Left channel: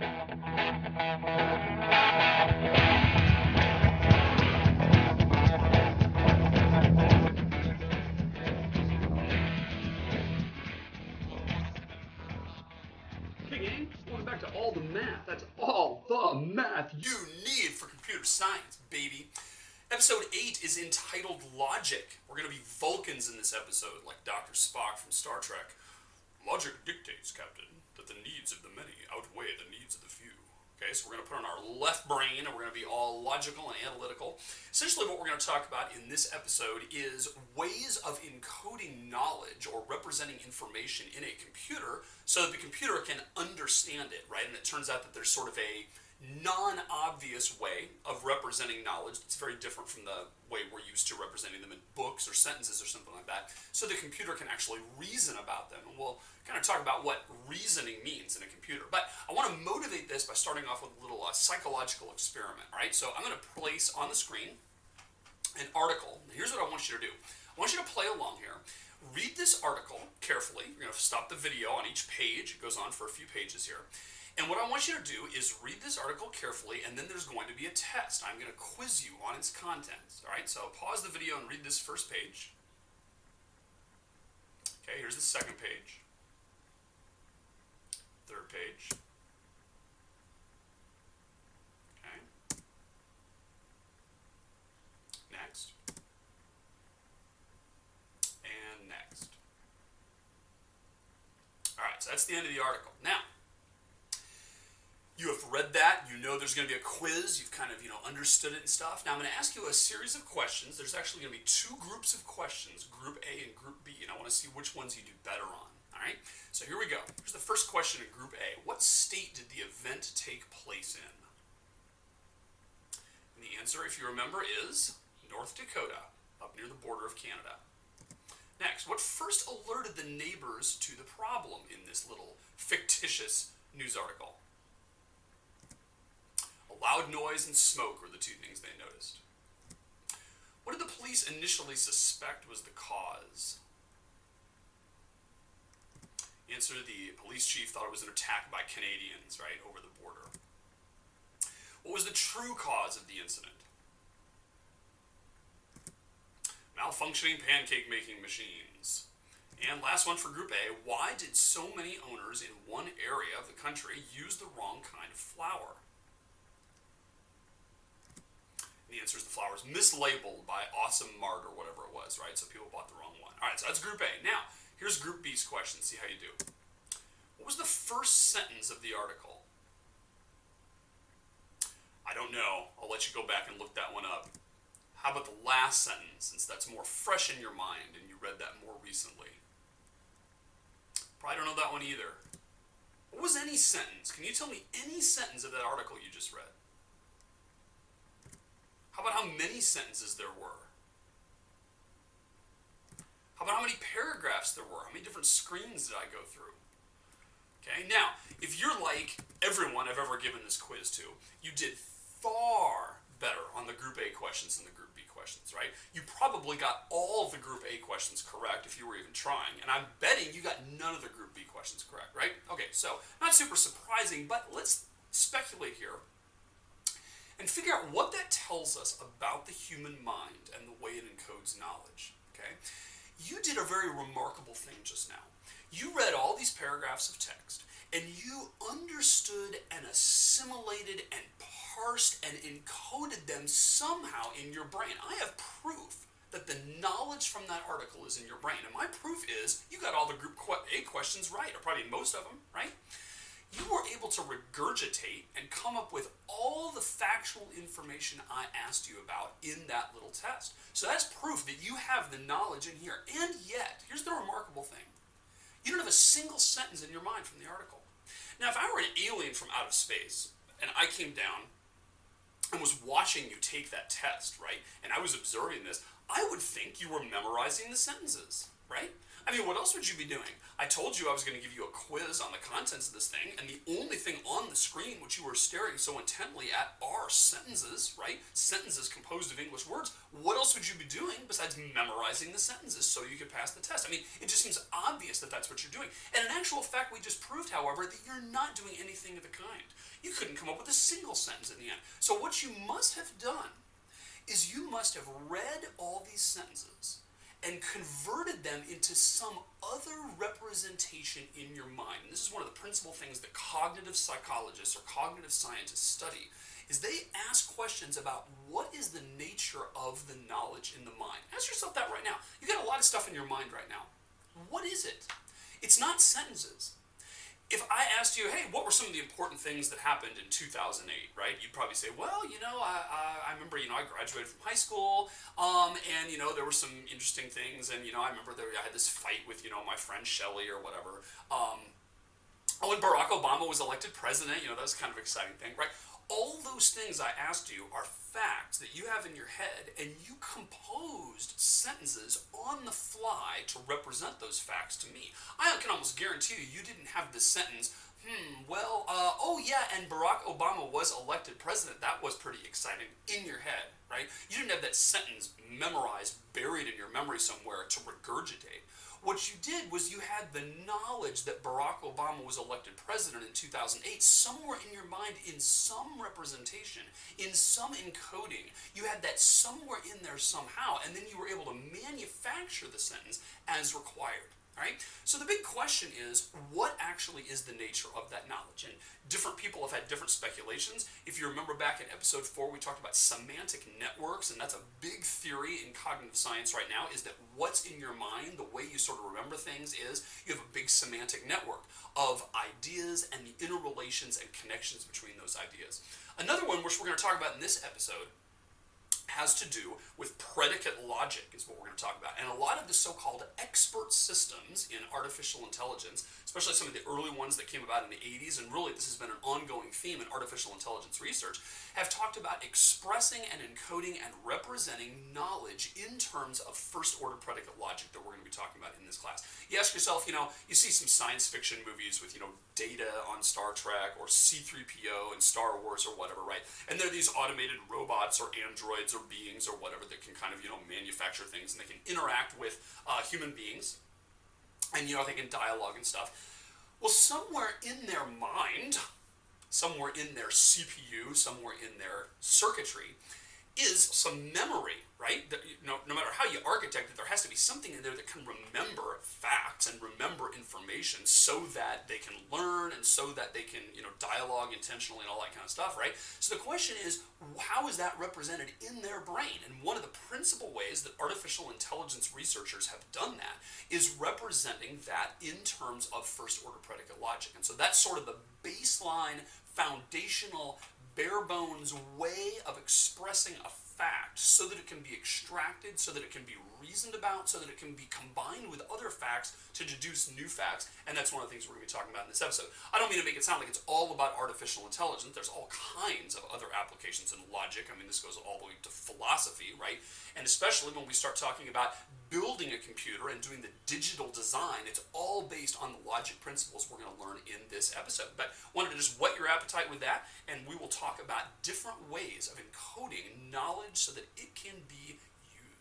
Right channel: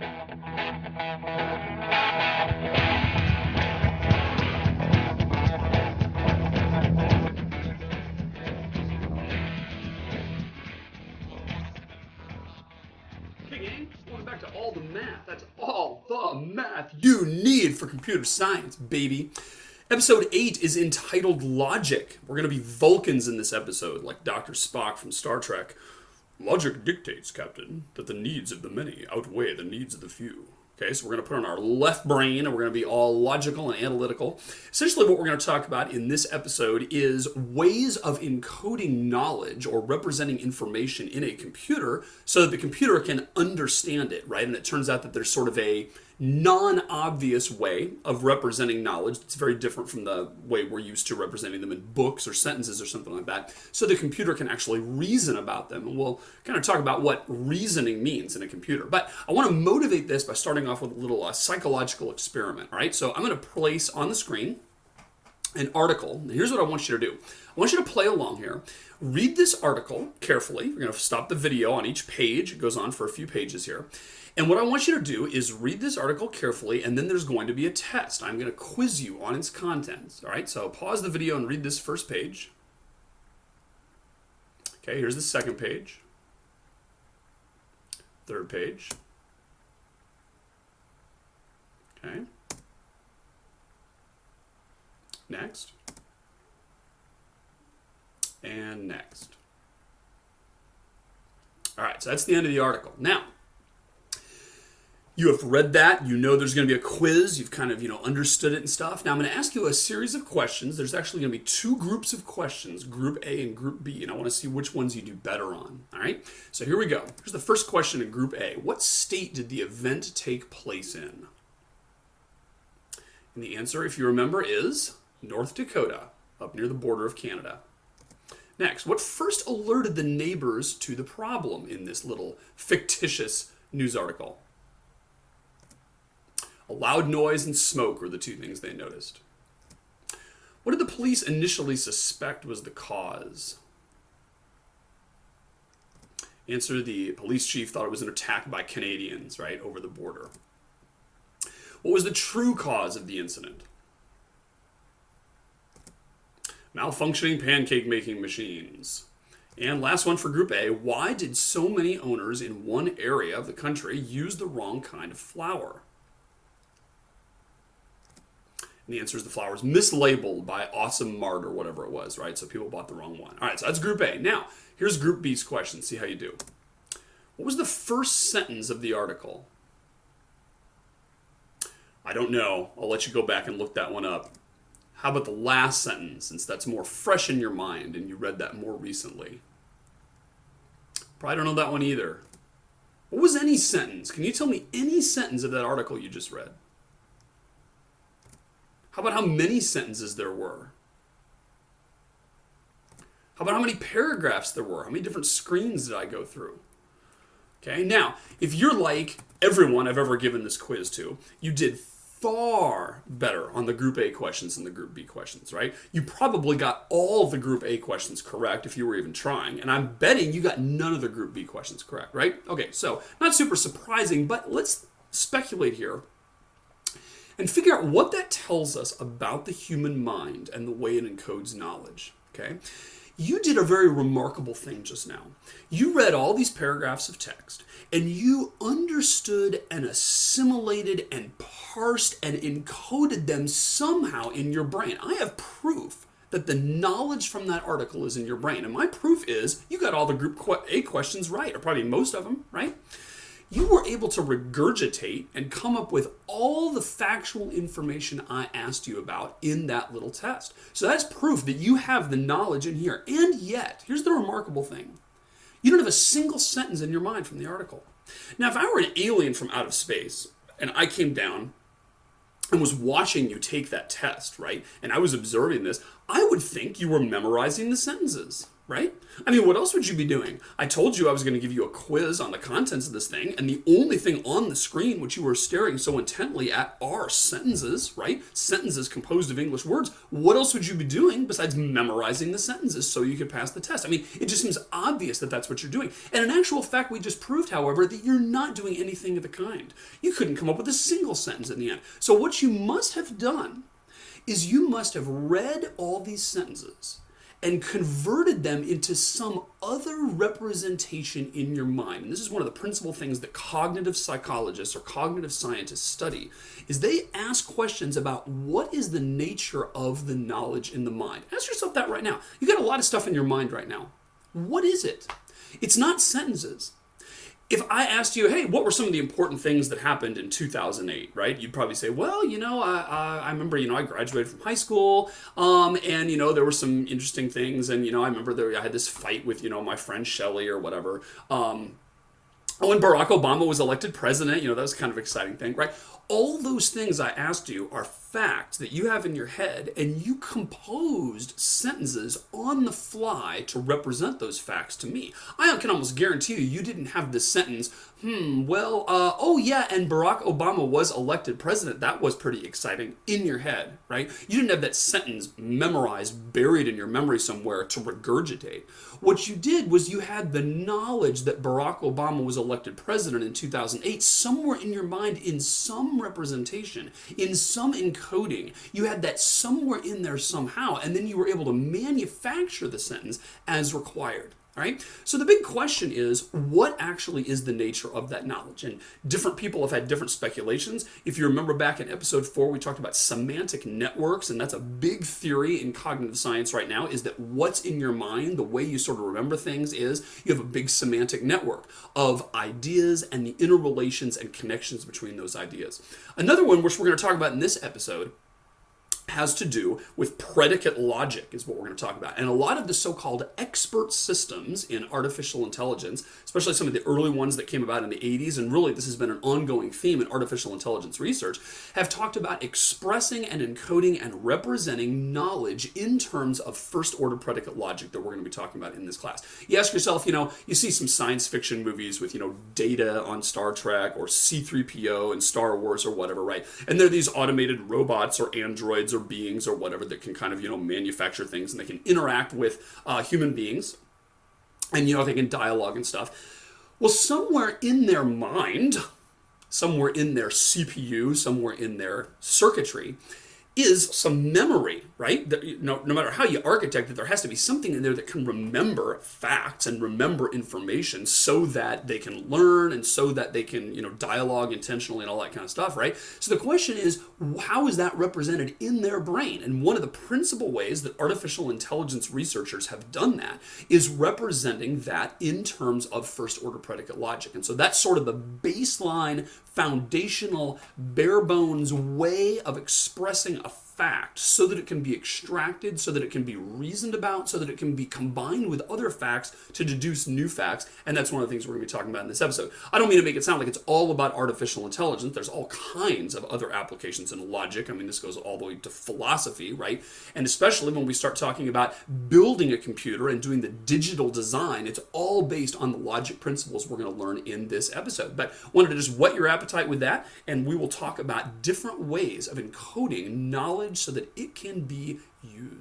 Back to all the math. That's all the math you need for computer science, baby. Episode 8 is entitled Logic. We're going to be Vulcans in this episode, like Dr. Spock from Star Trek. Logic dictates, Captain, that the needs of the many outweigh the needs of the few. Okay, so we're going to put on our left brain and we're going to be all logical and analytical. Essentially what we're going to talk about in this episode is ways of encoding knowledge or representing information in a computer so that the computer can understand it, right? And it turns out that there's sort of a non-obvious way of representing knowledge. It's very different from the way we're used to representing them in books or sentences or something like that. So the computer can actually reason about them. And we'll kind of talk about what reasoning means in a computer. But I want to motivate this by starting off with a little psychological experiment, right? So I'm going to place on the screen an article. Here's what I want you to do. I want you to play along here. Read this article carefully. We're going to stop the video on each page. It goes on for a few pages here. And what I want you to do is read this article carefully, and then there's going to be a test. I'm going to quiz you on its contents. All right, so pause the video and read this first page. Okay, here's the second page. Third page. Okay. Next. And next. All right, so that's the end of the article. Now, you have read that, you know there's going to be a quiz, you've kind of, understood it and stuff. Now I'm going to ask you a series of questions. There's actually going to be two groups of questions, Group A and Group B, and I want to see which ones you do better on, all right? So here we go. Here's the first question in Group A. What state did the event take place in? And the answer, if you remember, is North Dakota, up near the border of Canada. Next, what first alerted the neighbors to the problem in this little fictitious news article? A loud noise and smoke were the two things they noticed. What did the police initially suspect was the cause? Answer, the police chief thought it was an attack by Canadians, right, over the border. What was the true cause of the incident? Malfunctioning pancake making machines. And last one for Group A, why did so many owners in one area of the country use the wrong kind of flour? And the answer is the flour was mislabeled by Awesome Mart or whatever it was, right? So people bought the wrong one. All right, so that's Group A. Now, here's Group B's question. See how you do. What was the first sentence of the article? I don't know. I'll let you go back and look that one up. How about the last sentence, since that's more fresh in your mind and you read that more recently? Probably don't know that one either. What was any sentence? Can you tell me any sentence of that article you just read? How about how many sentences there were? How about how many paragraphs there were? How many different screens did I go through? Okay, now, if you're like everyone I've ever given this quiz to, you did far better on the Group A questions than the Group B questions, right? You probably got all the Group A questions correct if you were even trying, and I'm betting you got none of the Group B questions correct, right? Okay, so not super surprising, but let's speculate here and figure out what that tells us about the human mind and the way it encodes knowledge, okay? You did a very remarkable thing just now. You read all these paragraphs of text, and you understood and assimilated and parsed and encoded them somehow in your brain. I have proof that the knowledge from that article is in your brain, and my proof is you got all the Group A questions right, or probably most of them, right? You were able to regurgitate and come up with all the factual information I asked you about in that little test. So that's proof that you have the knowledge in here. And yet, here's the remarkable thing. You don't have a single sentence in your mind from the article. Now, if I were an alien from out of space, and I came down and was watching you take that test, right, and I was observing this, I would think you were memorizing the sentences, right? I mean, what else would you be doing? I told you I was going to give you a quiz on the contents of this thing, and the only thing on the screen which you were staring so intently at are sentences, right? Sentences composed of English words. What else would you be doing besides memorizing the sentences so you could pass the test? I mean, it just seems obvious that that's what you're doing. And in actual fact, we just proved, however, that you're not doing anything of the kind. You couldn't come up with a single sentence in the end. So what you must have done is you must have read all these sentences and converted them into some other representation in your mind. And this is one of the principal things that cognitive psychologists or cognitive scientists study, is they ask questions about what is the nature of the knowledge in the mind. Ask yourself that right now. You got a lot of stuff in your mind right now. What is it? It's not sentences. If I asked you, hey, what were some of the important things that happened in 2008, right? You'd probably say, well, I remember, I graduated from high school, and, there were some interesting things, and, I remember I had this fight with, my friend Shelley or whatever. When Barack Obama was elected president, that was kind of an exciting thing, right? All those things I asked you are facts that you have in your head, and you composed sentences on the fly to represent those facts to me. I can almost guarantee you didn't have this sentence, and Barack Obama was elected president. That was pretty exciting in your head, right? You didn't have that sentence memorized, buried in your memory somewhere to regurgitate. What you did was you had the knowledge that Barack Obama was elected president in 2008 somewhere in your mind, in some representation, in some encoding. You had that somewhere in there somehow, and then you were able to manufacture the sentence as required. Right? So the big question is, what actually is the nature of that knowledge? And different people have had different speculations. If you remember back in episode 4, we talked about semantic networks, and that's a big theory in cognitive science right now, is that what's in your mind, the way you sort of remember things, is you have a big semantic network of ideas and the interrelations and connections between those ideas. Another one, which we're going to talk about in this episode, has to do with predicate logic, is what we're going to talk about. And a lot of the so-called expert systems in artificial intelligence, especially some of the early ones that came about in the 80s, and really this has been an ongoing theme in artificial intelligence research, have talked about expressing and encoding and representing knowledge in terms of first-order predicate logic that we're going to be talking about in this class. You ask yourself, you see some science fiction movies with, Data on Star Trek or C-3PO in Star Wars or whatever, right? And they're these automated robots or androids or beings or whatever that can kind of, manufacture things, and they can interact with human beings, and, they can dialogue and stuff. Well, somewhere in their mind, somewhere in their CPU, somewhere in their circuitry, is some memory, right? No matter how you architect it, there has to be something in there that can remember facts and remember information so that they can learn and so that they can, dialogue intentionally and all that kind of stuff, right? So the question is, how is that represented in their brain? And one of the principal ways that artificial intelligence researchers have done that is representing that in terms of first-order predicate logic. And so that's sort of the baseline, foundational, bare bones way of expressing a fact so that it can be extracted, so that it can be reasoned about, so that it can be combined with other facts to deduce new facts. And that's one of the things we're going to be talking about in this episode. I don't mean to make it sound like it's all about artificial intelligence. There's all kinds of other applications in logic. I mean, this goes all the way to philosophy, right? And especially when we start talking about building a computer and doing the digital design, it's all based on the logic principles we're going to learn in this episode. But wanted to just whet your appetite with that, and we will talk about different ways of encoding knowledge so that it can be used.